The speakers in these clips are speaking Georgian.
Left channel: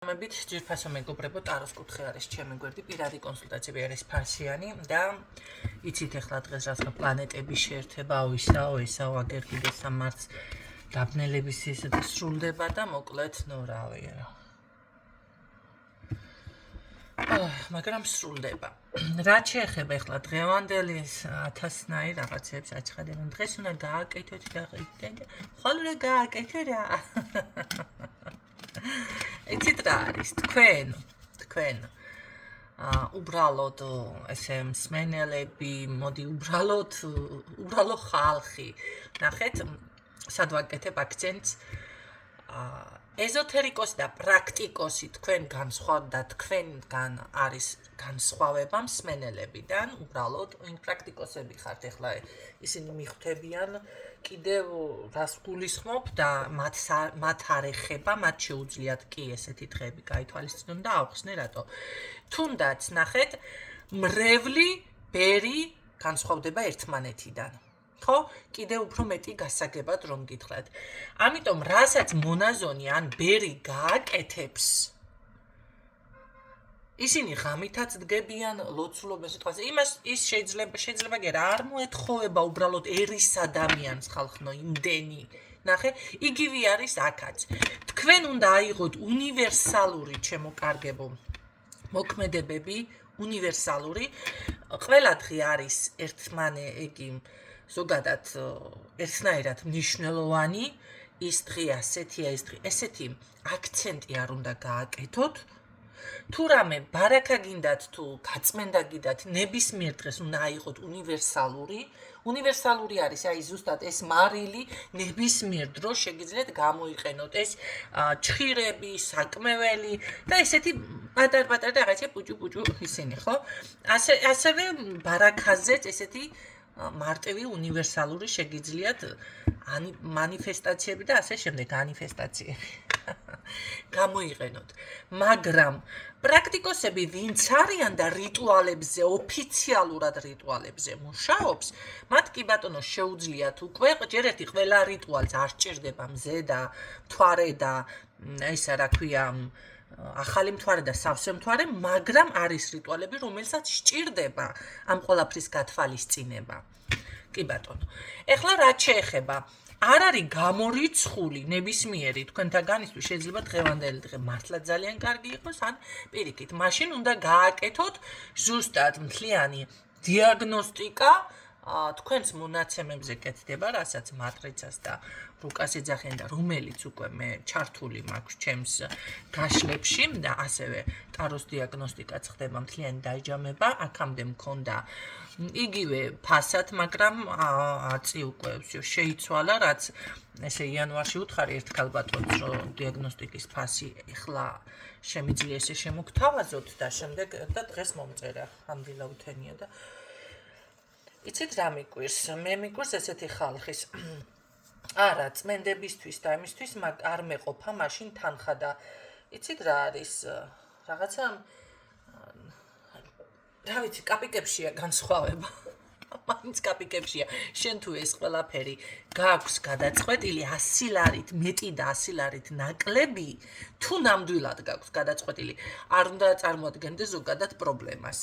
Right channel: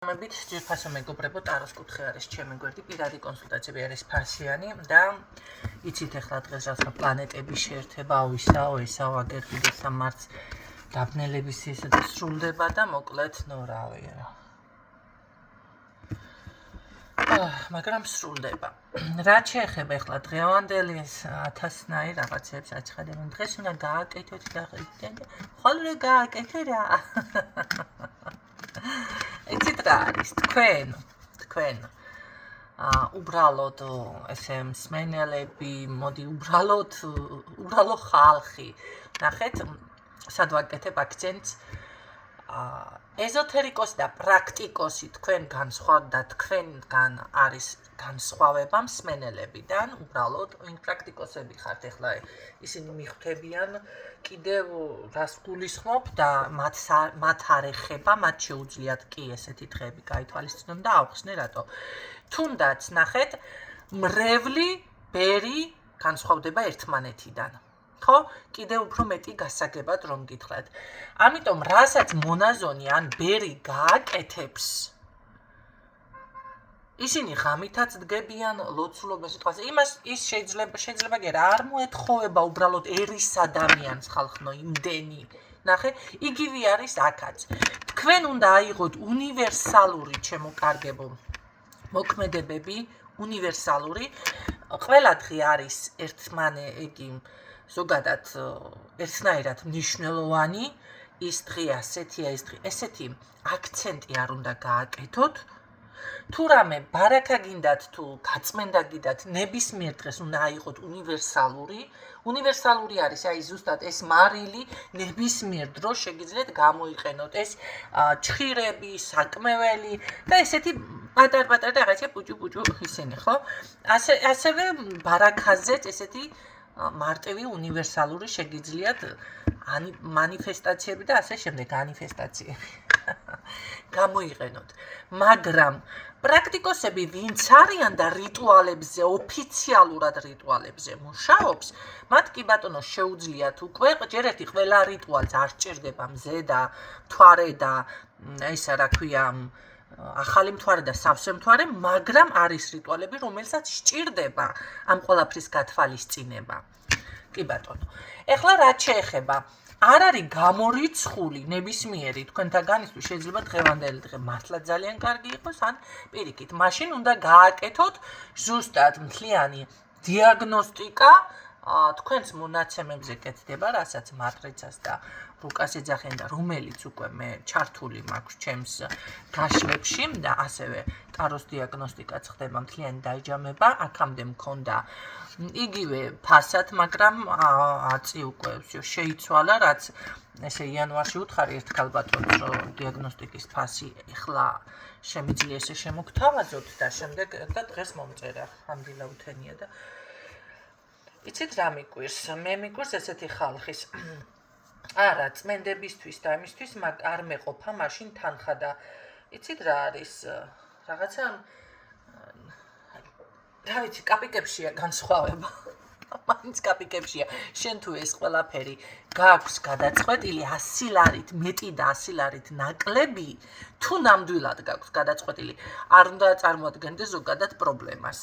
მებით ძირფასო მეგობრებო, ტაროს კუთხე არის ჩემი გვერდი, პირადი კონსულტაციები არის ფასიანი და იცით ახლა დღეს რაღაცა პლანეტების შეერთება, ესაო, აგერ კიდე სამარც დაბნელების ისეთი სრულდება და მოკლედ, რავი რა. მაგრამ სრულდება. რაც შეეხება ახლა დღევანდელი 1000-ნაირ რაღაცებს აჩხადებენ. დღეს უნდა გააკეთოთ და ხოლმე რა გააკეთე რა. იცით რა არის თქვენ უბრალოდ ესე მსმენელები, მოდი უბრალო ხალხი. ნახეთ, სად ვაკეთებ აქცენტს. ეზოთერიკოსი და პრაქტიკოსი თქვენგან სხვა და თქვენგან არის განსხვავება მსმენელებიდან, უბრალოდ პრაქტიკოსები ხართ ახლა ისინი მიხვდებიან კიდევ რას გულისხმობ და მათ არ ეხება, მათ შეუძლიათ კი ესეთი დღეები გაითვალისწინონ და ავხსნე რატო. თუნდაც ნახეთ, მრევლი ბერი განსხვავდება ერთმანეთიდან. ხო, კიდევ უფრო მეტი გასაგებად რომ გითხრათ. ამიტომ რასაც მონაზონი ან ბერი გააკეთებს, ისინი ღამითაც დგებიან ლოცულობას სიტყვაზე. ის შეიძლება გერა არ მოეთხოვება უბრალოდ ერის ადამიანს ხალხნო იმდენი. ნახე, იგივე არის აქაც. თქვენ უნდა აიღოთ უნივერსალური ჩემო კარგებო მოქმედებები, უნივერსალური. ყველა დღე არის ზოგადად ერთნაირად მნიშვნელოვანი, ის დღე ასეთია, ეს დღე ესეთი აქცენტი არ უნდა გააკეთოთ. თუ რამე ბარაკა გინდათ თუ გაწმენდა გინდათ, ნებისმიერ დღეს უნდა აიღოთ უნივერსალური. უნივერსალური არის აი ზუსტად ეს მარილი, ნებისმიერ დროს შეგიძლიათ გამოიყენოთ ეს ჩხირები, საკმეველი და ესეთი პატარ-პატარ რაღაცა პუჭუ ისინი, ხო? ასევე ბარაკაზეც ესეთი მარტივი უნივერსალური შეგიძლიათ მანიფესტაციები და ასე შემდეგ განიფესტაციები გამოიყენოთ. მაგრამ პრაქტიკოსები ვინც არიან და რიტუალებზე, ოფიციალურად რიტუალებზე მუშაობს, მათ კი ბატონო შეუძლიათ უკვე ჯერ ერთი ყველა რიტუალს არ სჭირდება მზე და მთვარე და ესა რა ქვია ახალი მთვარე და სავსე მთვარე, მაგრამ არის რიტუალები, რომელსაც სჭირდება ამ ყველაფრის გათვალისწინება. კი ბატონო. ეხლა რაც შეეხება, არ არის გამორიცხული ნებისმიერი თქვენთაგანისთვის შეიძლება დღევანდელი დღე მართლა ძალიან კარგი იყოს, ან პირიქით, მაშინ უნდა გააკეთოთ ზუსტად მთლიანი დიაგნოსტიკა თქვენს მონაცემებზე კეთდება, რასაც მატრიცას და რუკას ეძახიან და რომელიც უკვე მე ჩართული მაქვს ჩემს გაშლებში და ასევე ტაროს დიაგნოსტიკაც ხდება მთლიანი დაიჯამება, აქამდე მქონდა იგივე ფასად, მაგრამ აწი უკვე შეიცვალა, რაც ესე იანვარში უთხარი ერთხელ ბატონს რომ დიაგნოსტიკის ფასი ეხლა შემიძლია ესე შემოგთავაზოთ და შემდეგ და დღეს მომწერა ამდილა უთენია და იცით რა მიკვირს? მე მიკვირს ესეთი ხალხის არა, წმენდებისთვის და იმისთვის არ მეყოფა მაშინ თანხა და იცით რა არის რაღაცა რა ვიცი, კაპიკებშია განსხვავება. მაინც კაპიკებშია. შენ თუ ეს ყველაფერი გაქვს გადაწყვეტილი 100 ლარით მეტი და 100 ლარით ნაკლები, თუ ნამდვილად გაქვს გადაწყვეტილი, არ უნდა წარმოადგენდეს ზოგადად პრობლემას.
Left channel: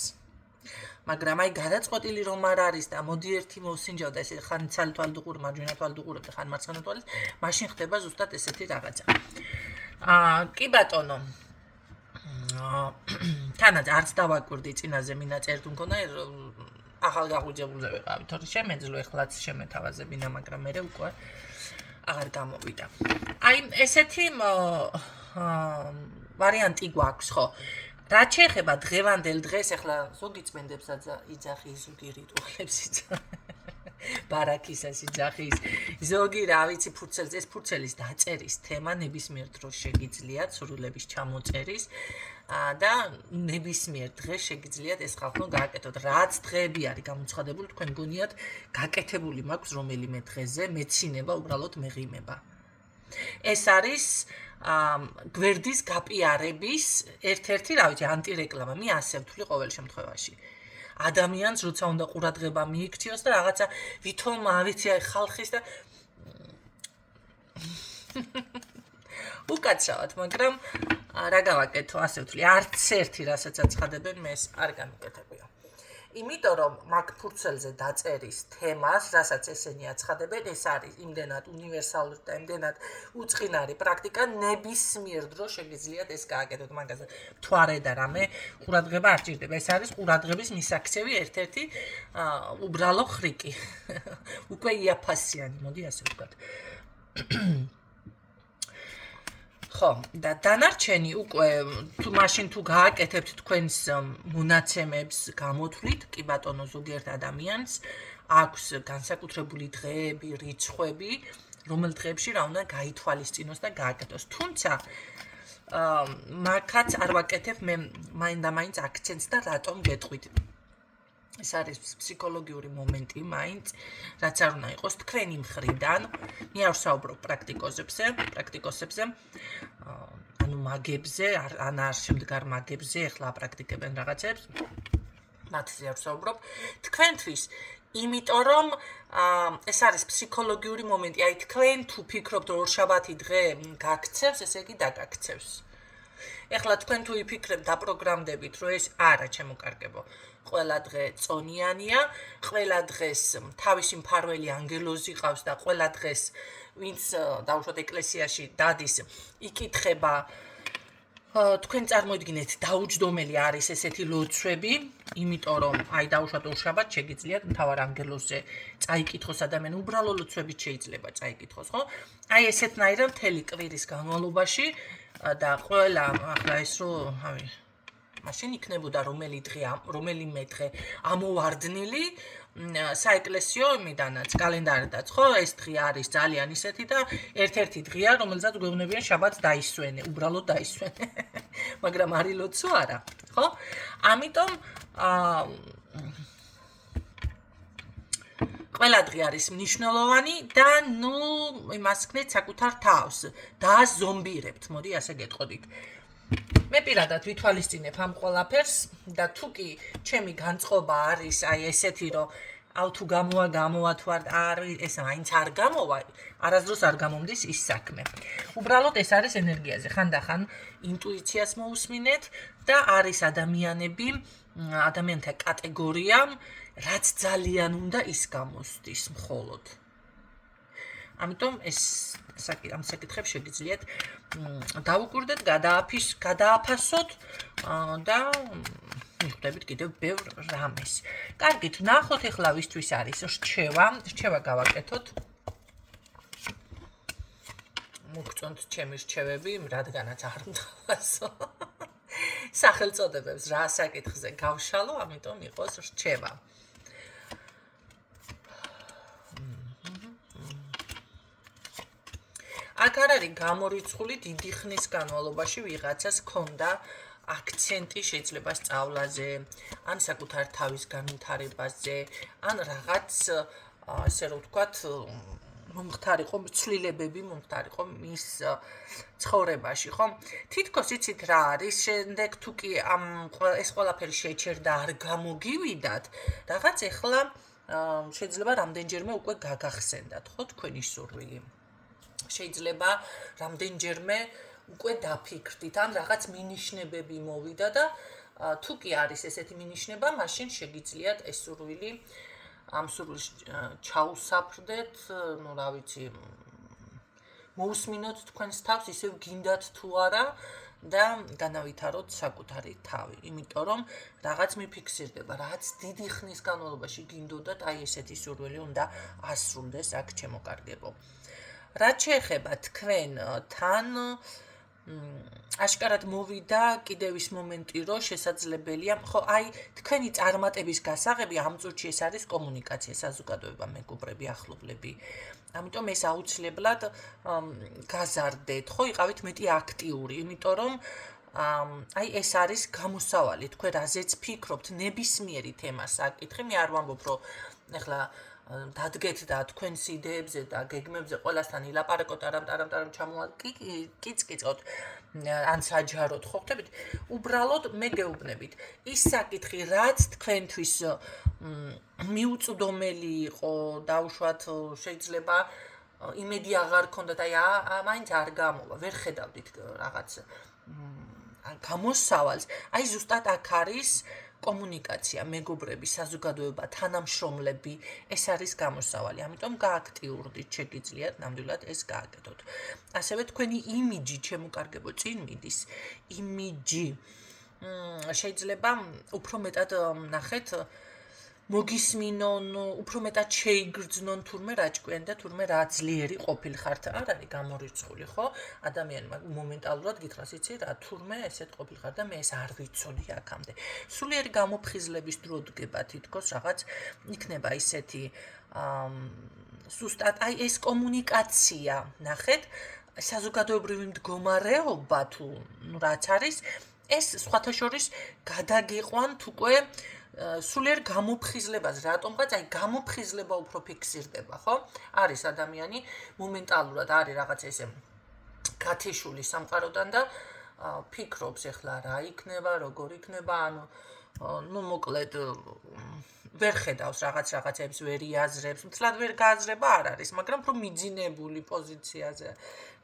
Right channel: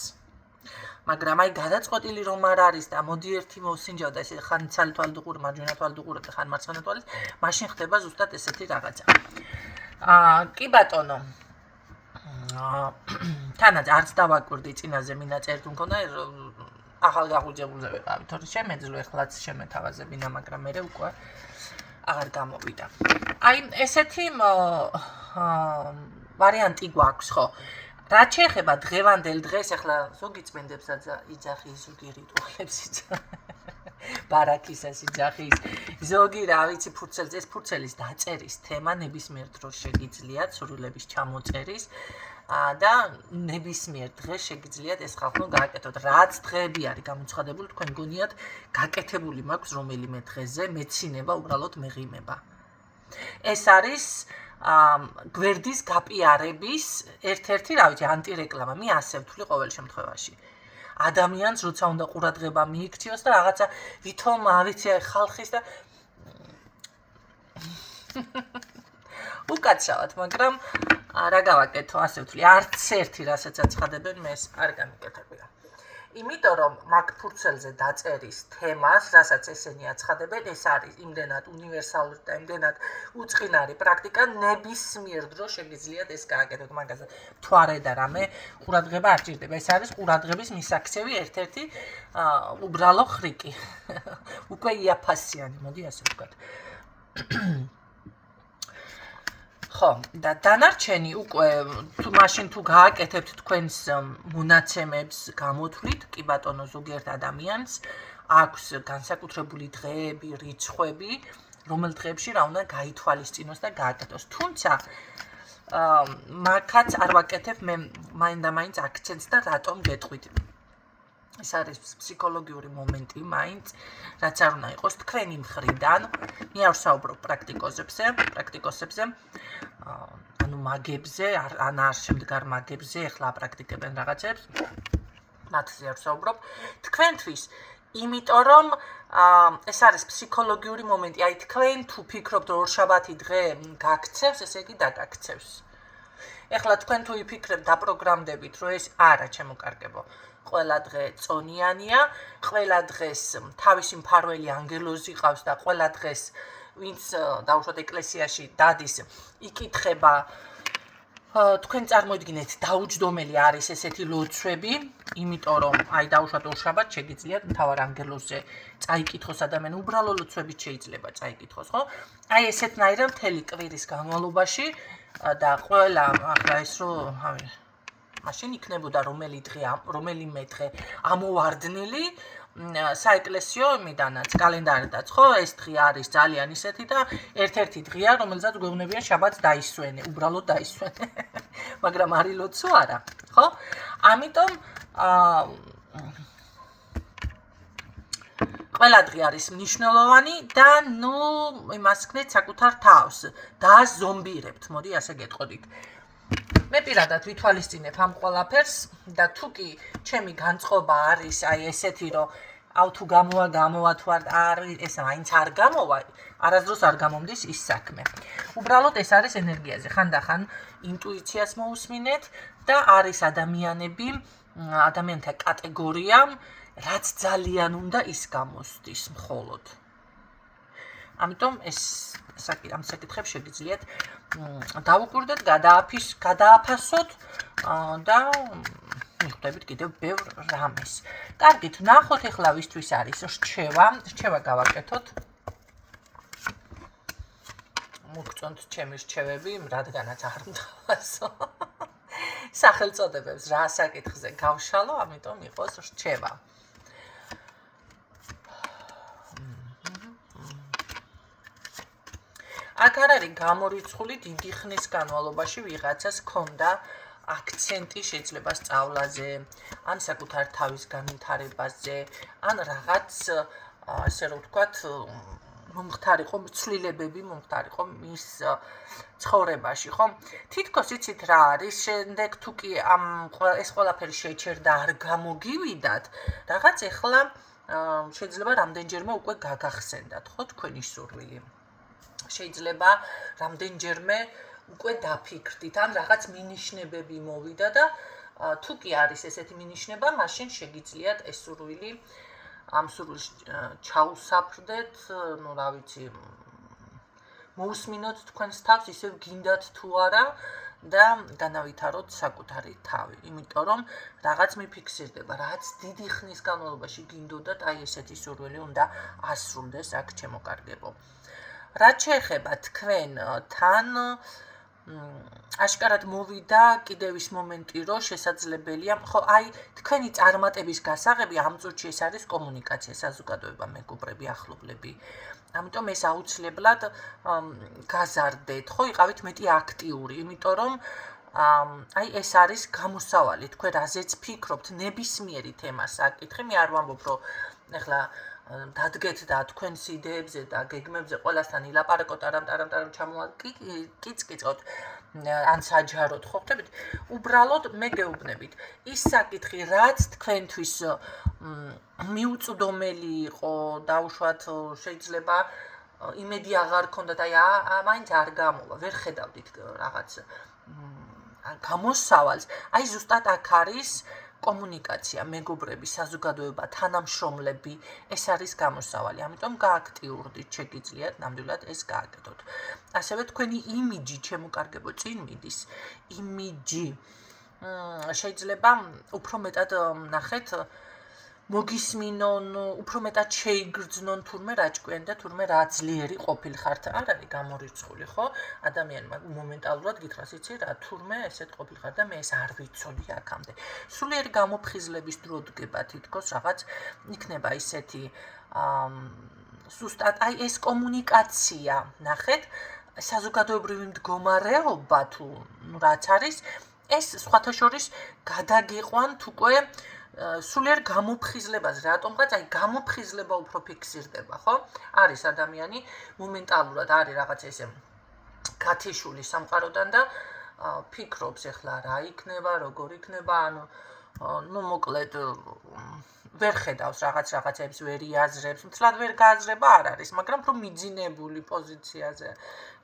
მაგრამ აი გადაწყვეტილი რომ არ არის და მოდი ერთი მოსინჯავ და ესე ხან ცალი თვალდუყური, მარჯვენა თვალდუყური და ხან მარცხენა თვალის, მაშინ ხდება ზუსტად ესეთი რაღაცა. კი ბატონო. თანაც არც დავაკვირდი წინაზე მინაწერთ მქონდა ახალ გაღუჯებულზე ვიყავი, თორე შემეძლო ეხლაც შემეთავაზებინა, მაგრამ მე უკვე აღარ გამოვიდა. აი ესეთი ვარიანტი გვაქვს, ხო? რაც შეეხება დღევანდელ დღეს, ახლა ზოგი წმენდებსაც იძახის, ზოგი რიტუალებს ბარაკისას იძახის, ზოგი რა ვიცი ფურცელს, ეს ფურცელის დაწერის თემა ნებისმიერ დროს შეგიძლიათ სურვილების ჩამოწერის და ნებისმიერ დღეს შეგიძლიათ ეს ხალხო გააკეთოთ. რაც დღეები არის გამოცხადებული, თქვენ გონიათ გაკეთებული მაქვს რომელიმე დღეზე მეცინება უბრალოდ მეღიმება. ეს არის გვერდის გაპიარების ერთ-ერთი, რა ვიცი, ანტირეკლამა. მე ასე ვთვლი ყოველ შემთხვევაში. ადამიანს როცა უნდა ყურადღება მიიქციოს და რაღაცა ვითომ ავიცი ხალხის და უკაცრავად, მაგრამ რა გავაკეთო, ასე ვთვლი, არც ერთი რასაც აცხადებენ, მე ეს არ გამიკეთებია. იმიტომ რომ მაგ ფურცელზე დაწერის თემას, რასაც ესენი აცხადებენ, ეს არის იმდენად უნივერსალური და იმდენად უწყინარი პრაქტიკა, ნებისმიერ დროს შეგიძლიათ ეს გააკეთოთ მაგაზე. თუ არ ედა რამე, ყურადღება არ ჭირდება. ეს არის ყურადღების მისაქცევი ერთ-ერთი უბრალო ხრიკი. უკვე იაფასიანი, მოდი ასე ვთქვათ. ხო, და დანარჩენი უკვე მაშინ თუ გააკეთებთ თქვენს მონაცემებს გამოთვლით, კი ბატონო, ზოგიერთ ადამიანს აქვს განსაკუთრებული დღეები, რიცხვები, რომელ დღეებში რა უნდა გაითვალისწინოს და გააკეთოს. თუმცა მაგაც არ ვაკეთებ მე მაინდა-მაინც აქცენტს და რატომ გეტყვით. ეს არის ფსიქოლოგიური მომენტი მაინც, რაც არ უნდა იყოს თქვენი მხრიდან. მე არ ვსაუბრობ პრაქტიკოსებზე, ანუ მაგებზე, ან არ შემდგარ მაგებზე, ეხლა აპრაქტიკებენ რაღაცებს. მათზე არ ვსაუბრობ. თქვენთვის, იმიტომ რომ ეს არის ფსიქოლოგიური მომენტი, აი თქვენ თუ ფიქრობთ რომ ორშაბათი დღე გაქცევს, ესე იგი დაგაქცევს. ეხლა თქვენ თუ იფიქრებთ დაპროგრამდებით, რომ ეს არა ჩემოკარგებო. ყველა დღე წონიანია, ყველა დღეს თავისი მფარველი ანგელოზი ყავს და ყველა დღეს ვინც დაუშვათ ეკლესიაში დადის, იკითხება თქვენ წარმოიდგინეთ დაუჯდომელი არის ესეთი ლოცვები, იმიტომ რომ აი დაუშვათ ორშაბათს შეგიძლიათ მთავარ ანგელოზზე წაიკითხოს ადამიანი, უბრალო ლოცვებით შეიძლება წაიკითხოს, ხო? აი ესეთნაირად მთელი კვირის განმავლობაში და ყველა ახლა ეს რომ მაშინ იქნებოდა რომელიმე დღე ამოვარდნილი საეკლესიო იმიდანაც კალენდარიდაც, ხო? ეს დღე არის ძალიან ისეთი და ერთ-ერთი დღეა, რომელზეც გვეუბნებიან შაბათს დაისვენე, უბრალოდ დაისვენე. მაგრამ არის ლოცვა არა, ხო? ამიტომ ყველა დღე არის მნიშვნელოვანი და ნუ იმას ქნეთ საკუთარ თავს, დააზომბირებთ, მოდი ასე გეტყოდით. მე პირადად ვითვალისწინებ ამ ყველაფერს და თუ კი ჩემი განწყობა არის აი ესეთი რომ თუ გამოვა თუ არ ეს მაინც არ გამოვა, არასდროს არ გამომდის ის საქმე. უბრალოდ ეს არის ენერგიაზე, ხანდახან ინტუიციას მოусმინეთ და არის ადამიანთა კატეგორია, რაც ძალიან უნდა ის გამოსდის მხოლოდ. ამიტომ ამ საკითხებს შეგიძლიათ დავუკვირდეთ, გადააფასოთ და მიხვდებით კიდევ ბევრ რამეს. კარგით, ნახოთ ეხლა ვისთვის არის რჩევა გავაკეთოთ. მოგწონთ ჩემი რჩევები, რადგანაც არ მთავაზო. სახელწოდებებს რა საკითხზე გავშალო, ამიტომ იყოს რჩევა. აქ არ არის გამორიცხული დიდი ხნის განმავლობაში ვიღაცას ქონდა აქცენტი შეიძლება სწავლაზე, ან საკუთარ თავის განვითარებაზე, ან რაღაც ასე რომ ვთქვათ, მომხდარიყო ცვლილებები, მომხდარიყო მის ცხოვრებაში, ხო? თითქოს იცით რა არის, შემდეგ თუ კი ეს ყველაფერი შეჩერდა არ გამოგივიდათ, რაღაც ეხლა შეიძლება რამდენჯერმე უკვე გაგახსენდათ, ხო, თქვენი სურვილი. შეიძლება რამდენჯერმე უკვე დაფიქრდით, ან რაღაც მინიშნებები მოვიდა და თუ კი არის ესეთი მინიშნება, მაშინ შეგიძლიათ ეს სურვილი ამ სურვილს ჩაუსაფრდეთ, ну, რა ვიცი, მოусმინოთ თქვენს თავს, ისევ გინდათ თუ არა და განავითაროთ საკუთარი თავი, იმიტომ რომ რაღაც მიფიქსირდება, რაც დიდი ხნის განმავლობაში გინდოდათ, აი ესეთი სურვილი უნდა ასრულდეს აქ ჩემოკარგებო. რაც შეეხება თქვენთან აშკარად მოვიდა კიდევ ის მომენტი, რომ შესაძლებელია, ხო, აი თქვენი წარმატების გასაღები ამ წუთში ეს არის კომუნიკაცია, საზოგადოება, მეგობრები, ახლობლები. ამიტომ ეს აუცილებლად გაზარდეთ, ხო, იყავით მეტი აქტიური, იმიტომ რომ აი ეს არის გამოსავალი, თქვენ რაზეც ფიქრობთ, ნებისმიერი თემა საკითხი, მე არ ვამბობ, რომ ეხლა დადგეთ და თქვენს იდეებზე და გეგმებზე ყველასთან ილაპარაკოთ, არამ ჩამოაკიცკიცოთ, ან საჯაროდ, ხო ხდებით? უბრალოდ მე გეუბნებით, ის საკითხი, რაც თქვენთვის მიუწვდომელი იყო, დაუშვათ შეიძლება იმედი აღარ ქონდათ, აი მაინც არ გამოვა, ვერ ხედავდით რაღაც გამოსავალს, აი ზუსტად აქ არის კომუნიკაცია, მეგობრები, საზოგადოება, თანამშრომლები, ეს არის გამოსავალი. ამიტომ გააქტიურდით, შეგიძლიათ ნამდვილად ეს გააკეთოთ. ასევე თქვენი იმიჯი, ჩემო კარგებო, წინ მიდის. იმიჯი შეიძლება უფრო მეტად ნახეთ მოგისმინონ, უფრო მეტად შეიგრძნონ თურმე რა ჭკვიანი და თურმე რა ძლიერი ყოფილხართ. არ არის გამორიცხული, ხო? ადამიანი მომენტალურად გითხრას, იცი რა, თურმე ესეთ ყოფილხარ და მე ეს არ ვიცოდი აქამდე. სულიერი გამოფხიზლების დრო დგება თითქოს რაღაც იქნება ისეთი ზუსტად აი ეს კომუნიკაცია, ნახეთ, საზოგადოებრივი მდგომარეობა თუ რაც არის, ეს სხვათა შორის გადაგიყვანთ უკვე სულიერ გამოფხიზლებას, რატომღაც აი გამოფხიზლება უფრო ფიქსირდება, ხო? არის ადამიანი მომენტალურად არის რაღაც ესე გათიშული სამყაროდან და ფიქრობს ეხლა რა იქნება, როგორ იქნება, ანუ მოკლედ ვერ ხედავს რაღაცებს, ვერ იაზრებს, მთლად ვერ გააზრება არ არის, მაგრამ უფრო მიძინებული პოზიციაზე.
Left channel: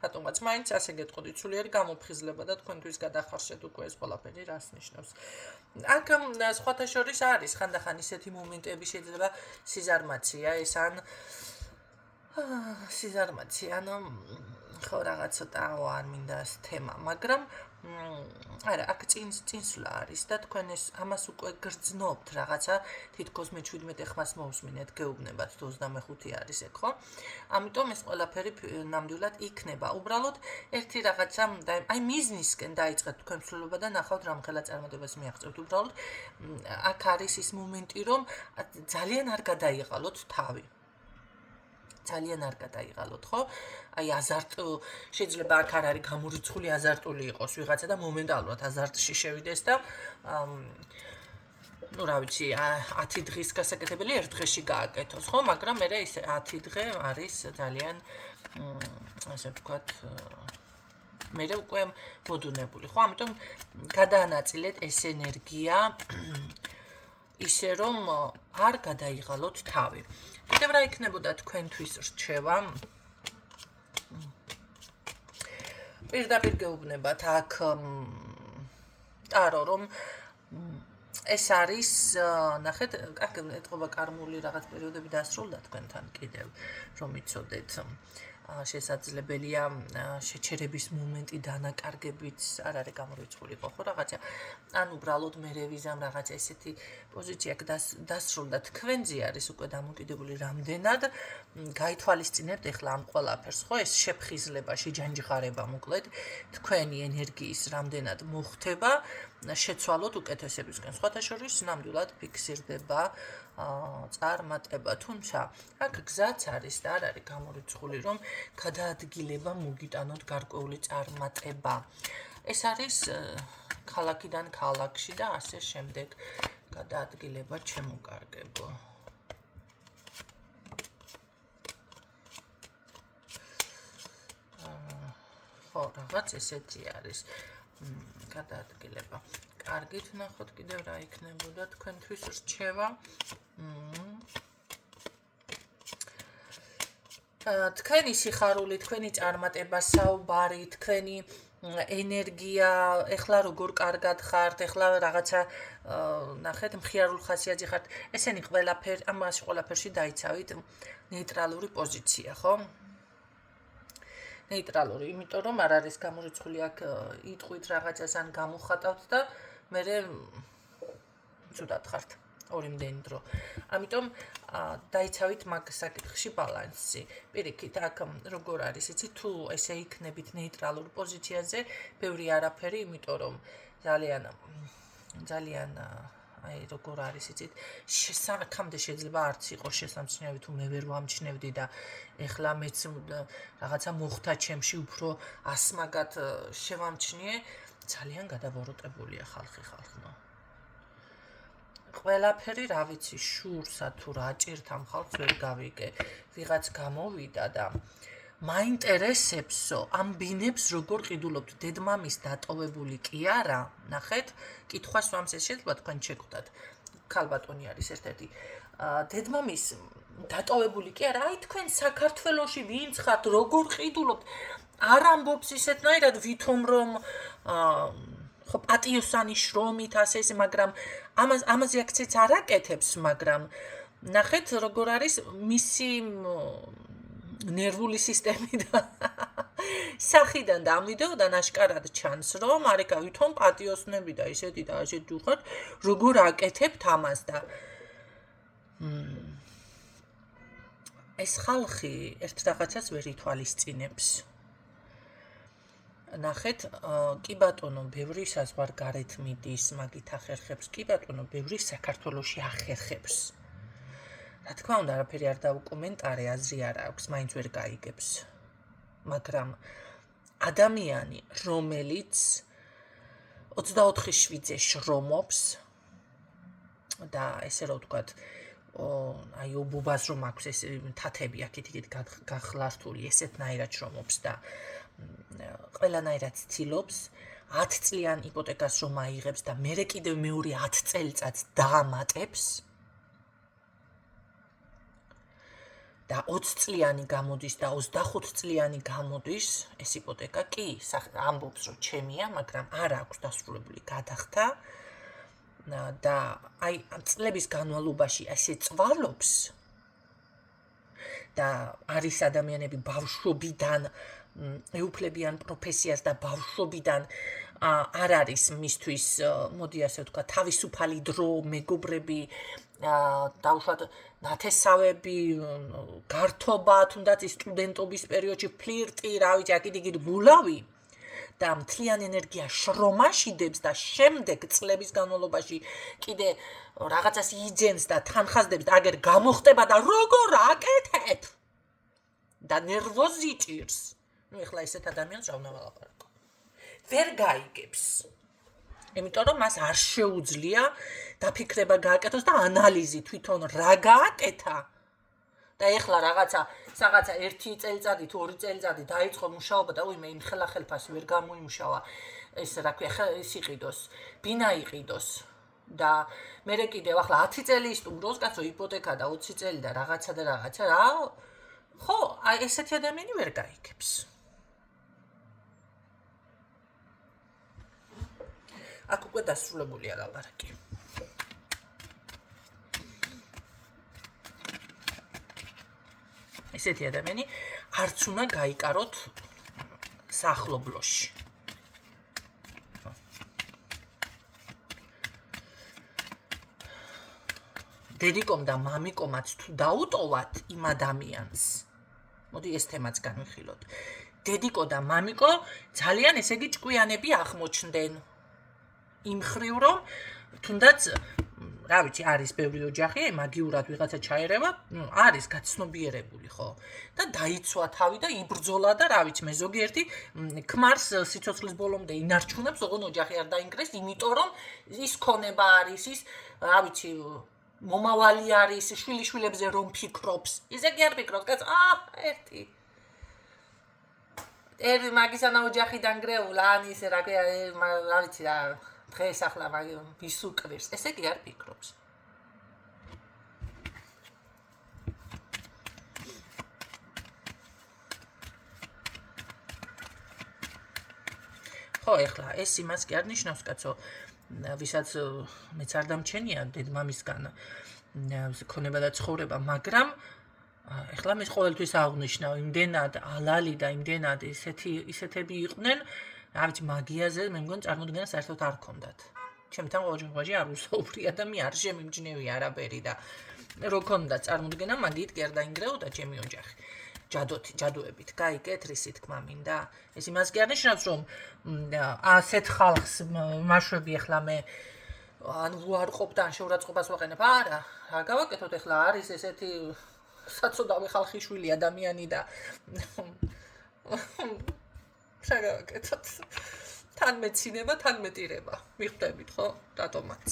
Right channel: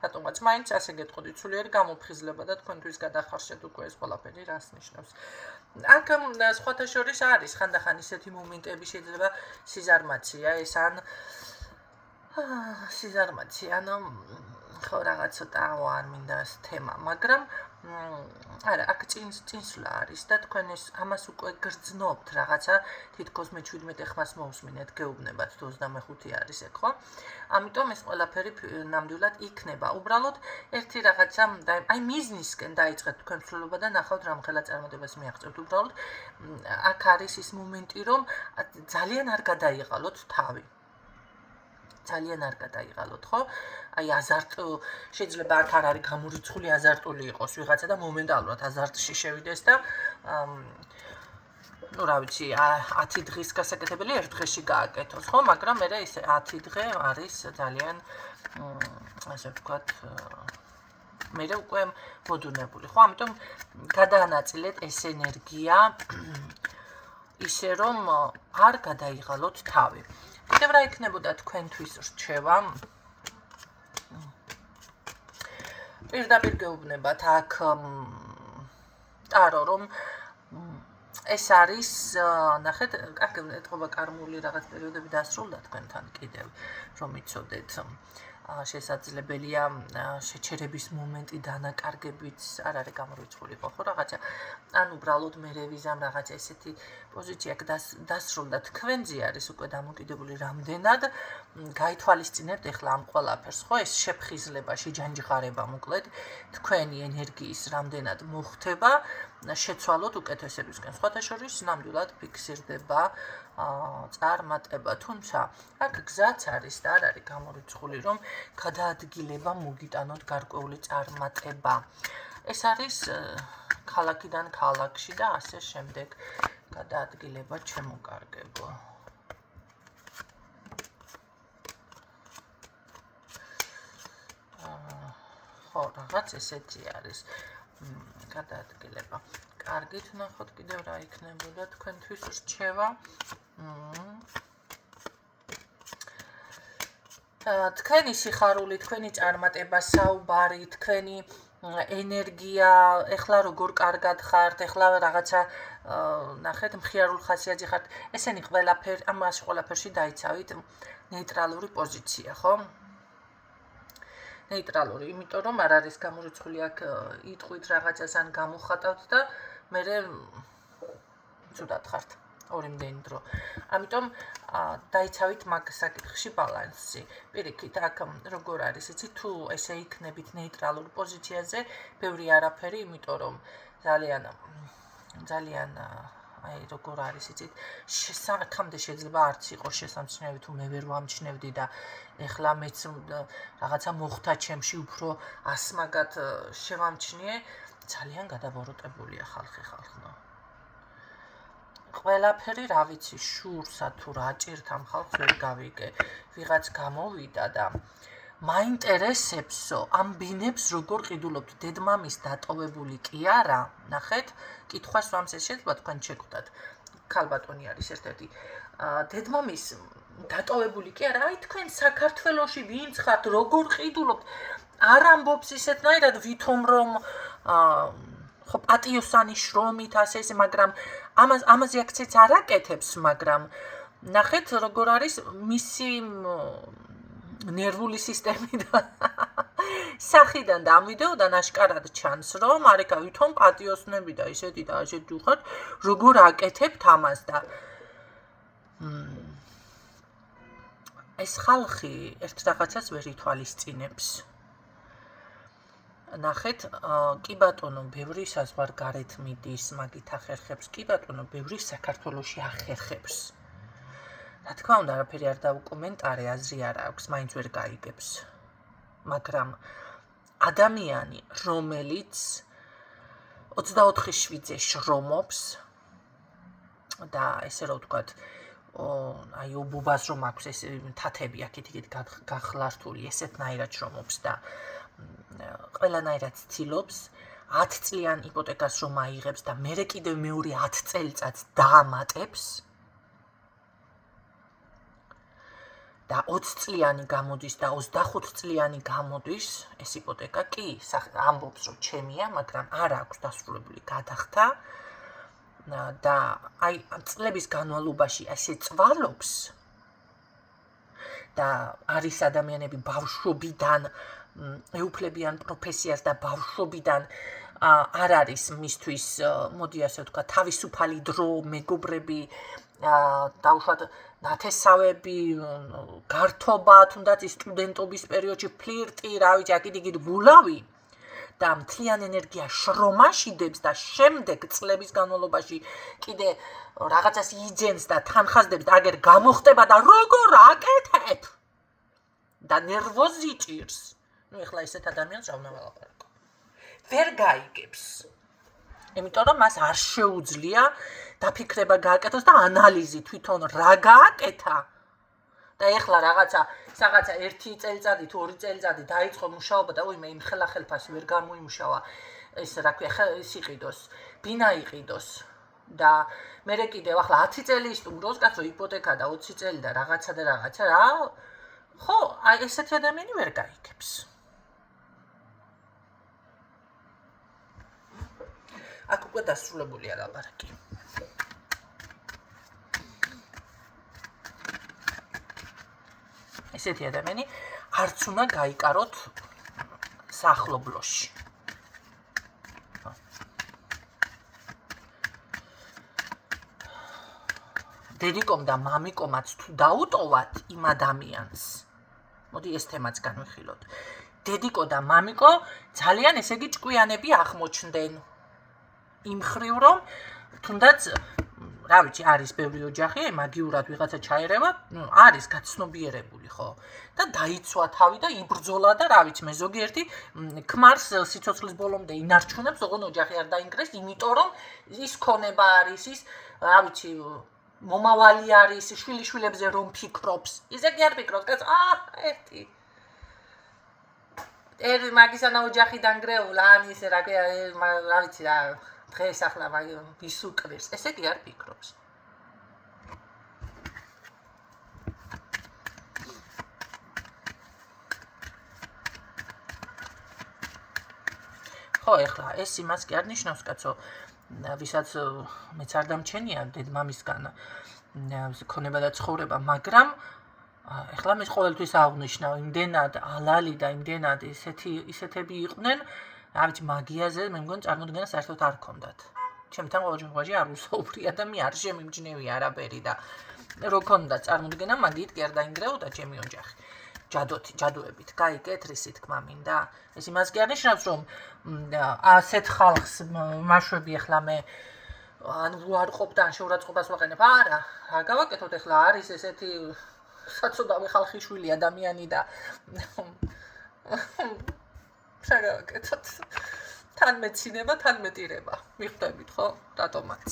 რატომღაც მაინც ასე გეტყოდით, სულიერი გამოფხიზლება და თქვენთვის გადახარშეთ უკვე ეს ყველაფერი რას ნიშნავს. აქ სხვათა შორის არის ხანდახან ისეთი მომენტები, შეიძლება სიზარმაცია ეს ან სიზარმაცია, ხო რაღაც ცოტა არ მინდა ეს თემა, მაგრამ არა, აქ წინსვლა არის და თქვენ ეს ამას უკვე გრძნობთ რაღაცა, თითქოს მე 17 ხმას მოვსმინეთ, გეუბნებათ თუ 25 არის ეგ, ხო? ამიტომ ეს ყველაფერი ნამდვილად იქნება. უბრალოდ ერთი რაღაცა აი მიზნისკენ დაიწყეთ თქვენ ცვლილება და ნახავთ რამხელა წარმატებას მიაღწევთ. უბრალოდ აქ არის ის მომენტი, რომ ძალიან არ გადაიღალოთ თავი. ძალიან არ გადაიღალოთ, ხო? აი შეიძლება აქ არ არის გამორიცხული აზარტული იყოს ვიღაცა და მომენტალურად აზარტში შევიდეს და რა ვიცი, 10 დღის გასაკეთებელი ერთ დღეში გააკეთოს, ხო? მაგრამ მე ეს 10 დღე არის ძალიან ასე ვთქვათ, მე უკვე მოდუნებული, ხო? ამიტომ გადაანაწილეთ ეს ენერგია ისე რომ არ გადაიღალოთ თავი. კიდევ რა იქნებოდა თქვენთვის რჩევა? პირდაპირ გეუბნებათ აქ ტარო რომ ეს არის, ნახეთ, ეთყობა კარმული რაღაც პერიოდები დასრულდა თქვენთან კიდევ, რომ იცოდეთ. შესაძლებელია შეჩერების მომენტი დანაკარგებით არ არის გამორიცხული ხო რაღაცა. ან უბრალოდ მე რევიზამ რაღაცა ესეთი პოზიცია დასრულდა თქვენზე არის უკვე დამოკიდებული რამდენად გაითვალისწინებთ ეხლა ამ ყველაფერს, ხო? ეს შეფხიზლება, შეჯანჯღარება მოკლედ თქვენი ენერგიის რამდენად მოხდება შეცვალოთ უკეთესებისკენ. სხვათა შორის ნამდვილად ფიქსირდება წარმატება, თუმცა აქ გზაც არის და არ არის გამორიცხული, რომ გადაადგილება მოგიტანოთ გარკვეული წარმატება. ეს არის ქალაქიდან ქალაქში და ასე შემდეგ გადაადგილება შემოკარგებო. ხო, რაღაც ესეთი არის გადაადგილება. კარგით, ნახოთ კიდევ რა იქნებოდა თქვენთვის რჩევა. თქვენი სიხარული, თქვენი წარმატება, საუბარი, თქვენი ენერგია, ეხლა როგორ კარგად ხართ, ეხლა რაღაცა ნახეთ, მხიარულ ხასიათზე ხართ. ესენი ყველაფერი, ამას ყველაფერში დაიცავით ნეიტრალური პოზიცია, ხო? ნეიტრალური, იმიტომ რომ არ არის გამორიცხული აქ იტყვით რაღაცას ან გამოხატავთ და მე ცუდად ხართ ორიმდენი დრო. ამიტომ დაიცავით მაგ საკითხში ბალანსი. პირიქით, აქ როგორ არის, იცი, თუ ესე იქნებით ნეიტრალურ პოზიციაზე, ბევრი არაფერი, იმიტომ რომ ძალიან აი როგორ არის, იცით, აქამდე შეიძლება არც იყოს შესამჩნევი, თუ მე ვერ ვამჩნევდი და ეხლა მეც რაღაცა მოხდა ჩემში უფრო ასმაგად შევამჩნიე, ძალიან გადაბოროტებულია ხალხო. ყველაფერი რა ვიცი, შურსა თუ რა ჭირთ ამ ხალხს ვერ გავიგე. ვიღაც გამოვიდა და მაინტერესებსო, ამ ბინებს როგორ ყიდულობთ, დედმამის დატოვებული კი არა, ნახეთ, კითხვას ვამს ეს შეიძლება თქვენ შეგვდათ. ქალბატონი არის ერთ-ერთი. დედმამის დატოვებული კი არა, აი თქვენ საქართველოში ვინც ხართ, როგორ ყიდულობთ, არ ამბობს ისეთნაირად ვითომ რომ ხო პატიოსანი შრომით ასე ესე, მაგრამ ამაზე აქცენტს არ აკეთებს, მაგრამ ნახეთ როგორ არის მისი ნერვული სისტემიდან სახიდან და ამ ვიდეოდან აშკარად ჩანს, რომ არეკა ვითომ პატიოსნები და ისეთი და ასეთი უხოთ, როგორ აკეთებთ ამას და ეს ხალხი ერთ რაღაცას ვერ ითვალისწინებს. ნახეთ, კი ბატონო, ბევრი საზღვარგარეთ მიდის, მაგით ახერხებს, კი ბატონო, ბევრი საქართველოში ახერხებს. რა თქმა უნდა, არაფერი არ დაუკომენტარე, აზრი არ აქვს, მაინც ვერ გაიგებს. მაგრამ ადამიანი, რომელიც 24/7-ზე შრომობს და ესე რომ ვთქვათ, აი უბუბას რომ აქვს ეს თათები აქეთ-იქით გახლართული, ესეთნაირად შრომობს და ყველანაირად ცდილობს 10 წლიან იპოთეკას რომ აიღებს და მერე კიდევ მეორე 10 წელიწადს დაამატებს და 20 წლიანი გამოდის და 25 წლიანი გამოდის ეს იპოთეკა კი ამბობს რომ ჩემია, მაგრამ არ აქვს დასრულებული გადახდა და აი ამ წლების განმავლობაში ასე წვალობს და არის ადამიანები ბავშვობიდან ეუფლებიან პროფესიას და ბავშვობიდან არ არის მისთვის, მოდი ასე ვთქვა, თავისუფალი დრო, მეგობრები, დაუშვათ ნათესავები, გართობა, თუნდაც ის სტუდენტობის პერიოდში ფლირტი, რა ვიცი, აქ-იქით გულავი და მთლიან ენერგია შრომაშიდებს და შემდეგ წლების განმავლობაში კიდე რაღაცას იძენს და თანხასდებს და აგერ გამოხტება და როგორ აკეთებ და ნერვოზი ჭირს. ნუ ეხლა ესეთ ადამიანს რა უნდა ვალაპარაკო. ვერ გაიგებს. იმიტომ რომ მას არ შეუძლია დაფიქრება გააკეთოს და ანალიზი თვითონ რა გააკეთა. და ეხლა რაღაცა 1 წელიწადი თუ 2 წელიწადი დაიწყო მუშაობა და უი მე იმ ხელახელფას ვერ გამოიმუშავა. ეს რა ქვია, ეს იყიდოს, ბინა იყიდოს. და მერე კიდევ ახლა 10 წელი ისტუმროს კაცო იპოთეკა და 20 წელი და რაღაცა რა. ხო, აი ესეთი ადამიანი ვერ გაიგებს. აქ უკვე დასრულებულია ლაპარაკი. ესეთი ადამიანი არც უნდა გაიკაროთ სახლობლოში. დედიკომ და მამიკომაც თუ დაუტოვათ იმ ადამიანს, მოდი ეს თემაც განვიხილოთ. დედიკო და მამიკო ძალიან ესე იგი ჭკვიანები აღმოჩნდნენ. იმ ხრივ რომ თუნდაც რა ვიცი, არის ბევრი ოჯახი, მაგიურად ვიღაცა ჩაერევა, არის გაცნობიერებული, ხო? და დაიცვა თავი და იბრძოლა და რა ვიცი, მე ზოგიერთი ქმარს სიცოცხლის ბოლომდე ინარჩუნებს, ოღონ ოჯახი არ დაინგრეს, იმიტომ რომ ის ქონება არის, ის რა ვიცი, მომავალი არის, შვილიშვილებზე რომ ფიქრობს. ისე კი არ ფიქრობს, კაც, ერთი მაგისანა ოჯახი დაنگრეულა, ან ისე რა ვიცი რა დღეს ახლა ვის უკრებს, ესე კი არ ფიქრობს. ხო, ეხლა ეს იმას კი არ ნიშნავს, კაცო, ვისაც მეც არ დამჩენია დედმამისგან ქონება და ცხოვრება, მაგრამ ეხლა მე ყოველთვის აღნიშნავ, იმდენად ალალი და იმდენად ისეთები იყვნენ, რა ვიცი, მაგიაზე მე მგონი წარმოდგენა საერთოდ არ ქონდათ. ჩემთან ყოველგვარი არ უსაუბრია და მე არ შემიმჯნევია არაფერი და რო ქონდა წარმოდგენა, მაგით კი არ დაინგრეოდა ჩემი ოჯახი. ჯადოებით, გაიგეთ, რისი თქმა მინდა. ეს იმას კი არ ნიშნავს, რომ ასეთ ხალხს მაშვები ეხლა მე ან უარყოფ და ან შეურაცხყოფას ვაყენებ. არა, რა გავაკეთოთ ეხლა არის ესეთი საწოდავი ხალხიშვილი ადამიანი და რა გავაკეთოთ? თან მეცინება, თან მეტირება. მიხვდებით, ხო? რატომაც.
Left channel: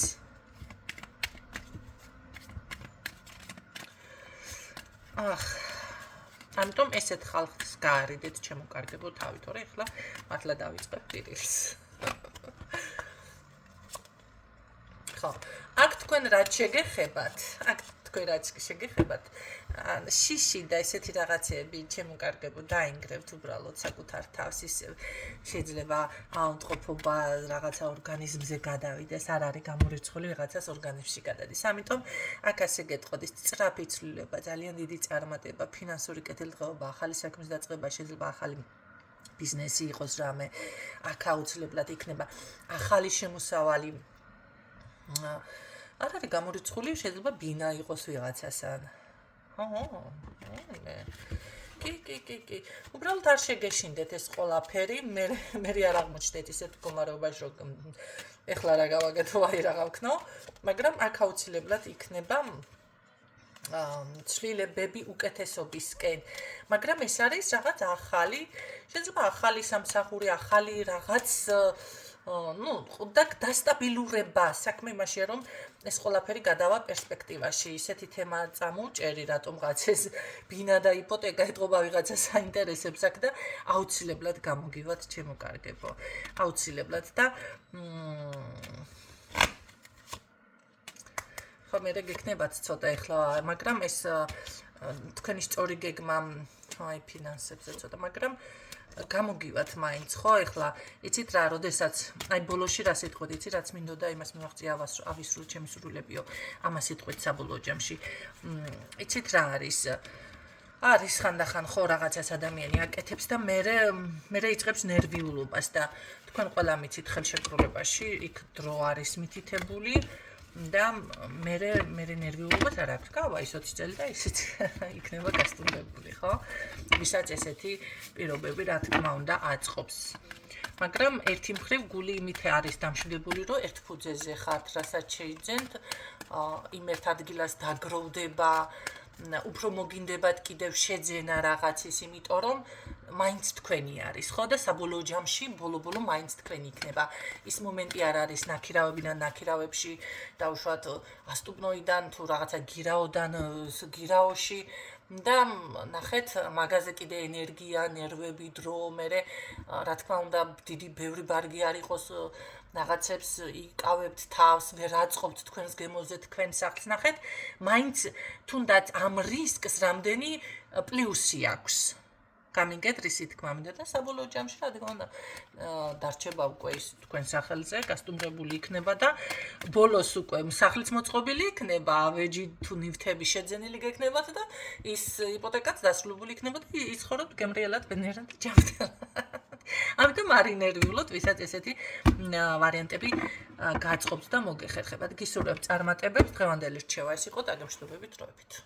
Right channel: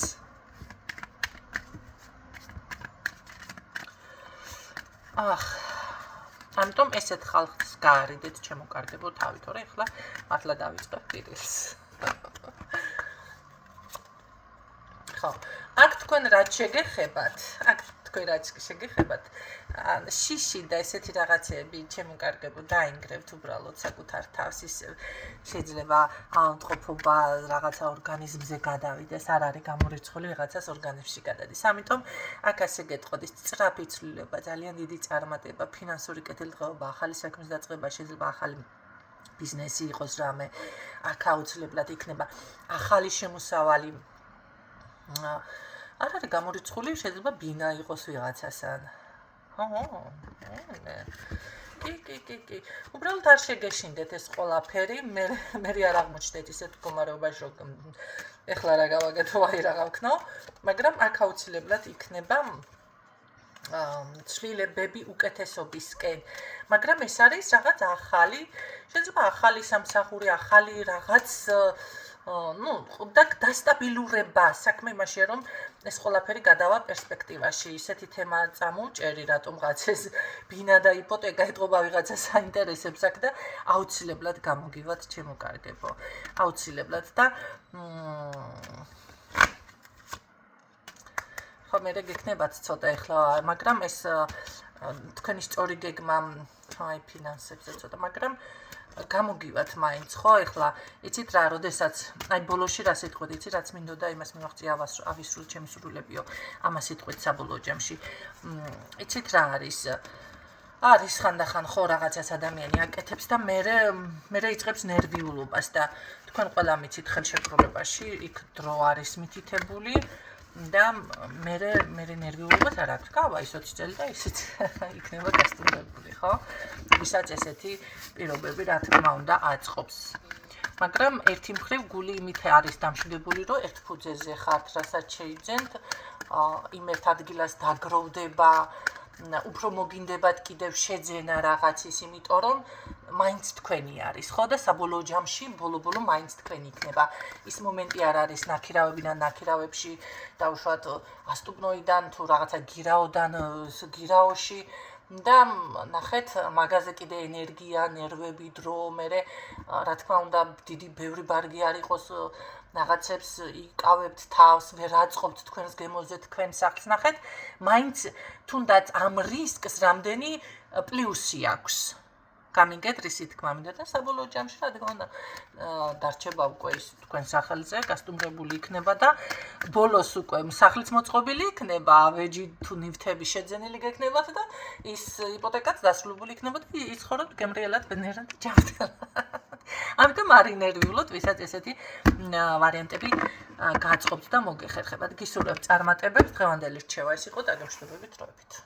ამიტომ ესეთ ხალხს გაარიდეთ ჩემო კარგებო თავი, თორე ეხლა მართლა დავიწყებ პირილს. ხო, აქ თქვენ რაც შეგეხებათ, აქ თქვენ რაც შეგეხებათ შიში და ესეთი რაღაცეები ჩემო კარგებო დაინგრევთ უბრალოდ საკუთარ თავს ის შეიძლება ავადმყოფობა რაღაცა ორგანიზმზე გადავიდეს არ არის გამორიცხული რაღაცას ორგანიზმში გადადის ამიტომ აქ ასე გეტყოდ ის სწრაფი ცვლილება ძალიან დიდი წარმატება ფინანსური კეთილდღეობა ახალი საქმის დაწყება შეიძლება ახალი ბიზნესი იყოს რამე აქ აუცილებლად იქნება ახალი შემოსავალი არ არის გამორიცხული შეიძლება ბინა იყოს ვიღაცასთან კი უბრალოდ არ შეგეშინდეთ ეს ყველაფერი მე არ აღმოჩნდეთ ისეთ მდგომარეობაში რომ ეხლა რა გავაკეთო აი რა გავქნო მაგრამ აქ აუცილებლად იქნება ცვლილებები უკეთესობისკენ მაგრამ ეს არის რაღაც ახალი შეიძლება ახალი სამსახური ახალი რაღაც და დასტაბილურება საქმე იმაშია რომ ეს ყველაფერი გადავა პერსპექტივაში ისეთი თემა წამოვჭერი რატომღაც ეს ბინა და იპოთეკა ეთყობა ვიღაცა საინტერესებს აქ და აუცილებლად გამოგივათ ჩემო კარგებო აუცილებლად და ხო მე გეკნებათ ცოტა ეხლა მაგრამ ეს თქვენი სწორი გეგმა აი ფინანსებზე ცოტა მაგრამ გამოგივათ მაინც ხო ეხლა იცით რა როდესაც აი ბოლოში რა სიტყვით იცი რაც მინდოდა იმას მივახცი ავისრულ ჩემი სრულებიო ამას სიტყვით საბოლოო ჯამში იცით რა არის ხანდახან ხო რაღაცას ადამიანი აკეთებს და მე იწყებს ნერვიულობას და თქვენ ყველა მიცით ხელშეკრულებაში იქ დრო არის მითითებული და მე ნერვიულობას არ აქვს გავა ის 20 წელი და ისიც იქნება გასტუმრებული ხო ვისაც ესეთი პირობები რა თქმა უნდა აწყობს მაგრამ ერთი მხრივ გული იმით არის დამშვიდებული რომ ერთ ფუძეზე ხართ რასაც შეიძენთ იმ ერთ ადგილას დაგროვდება უფრო მოგინდებათ კიდევ შეძენა რაღაცის იმიტომ რომ მაინც თქვენი არის ხო და საბოლოო ჯამში ბოლო მაინც თქვენი იქნება ის მომენტი არ არის ნაქირავებიდან ნაქირავებში დაუშვათ ასტუბნოიდან თუ რაღაცა გირაოდან გირაოში და ნახეთ მაგაზე კიდე ენერგია ნერვები დრო მე რა თქმა უნდა დიდი ბევრი ბარგი არ იყოს რაღაცებს იკავებთ თავს ვერ აწყობთ თქვენს გემოზე თქვენ სახლს ნახეთ მაინც თუნდაც ამ რისკს რამდენი პლუსი აქვს გამიგეთ რისი თქმა მინდა და საბოლოო ჯამში რა თქმა უნდა დარჩება უკვე ის თქვენ სახელზე გასტუმრებული იქნება და ბოლოს უკვე სახლიც მოწყობილი იქნება ავეჯი თუ ნივთები შეძენილი გექნებათ და ის იპოთეკაც დასრულებული იქნება და იცხოვრობთ გემრიელად ბედნიერად ჯანმრთელად ამიტომ არ ინერვიულოთ ვისაც ესეთი ვარიანტები გააწყობთ და მოგეხერხებათ გისურვებთ წარმატებებს დღევანდელი რჩევა ეს იყო დაგემშვიდობებით დროებით